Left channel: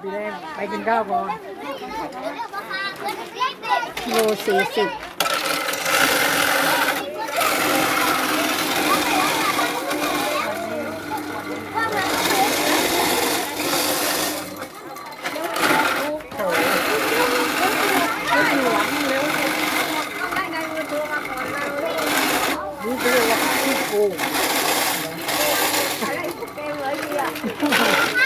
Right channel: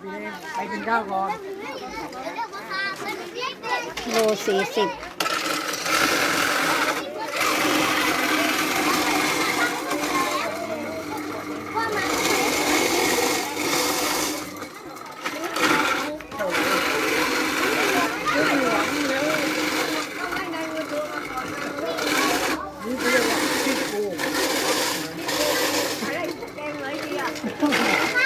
ไปเลยไปกินข้าวก่อนโลสี่สิบ Thank you.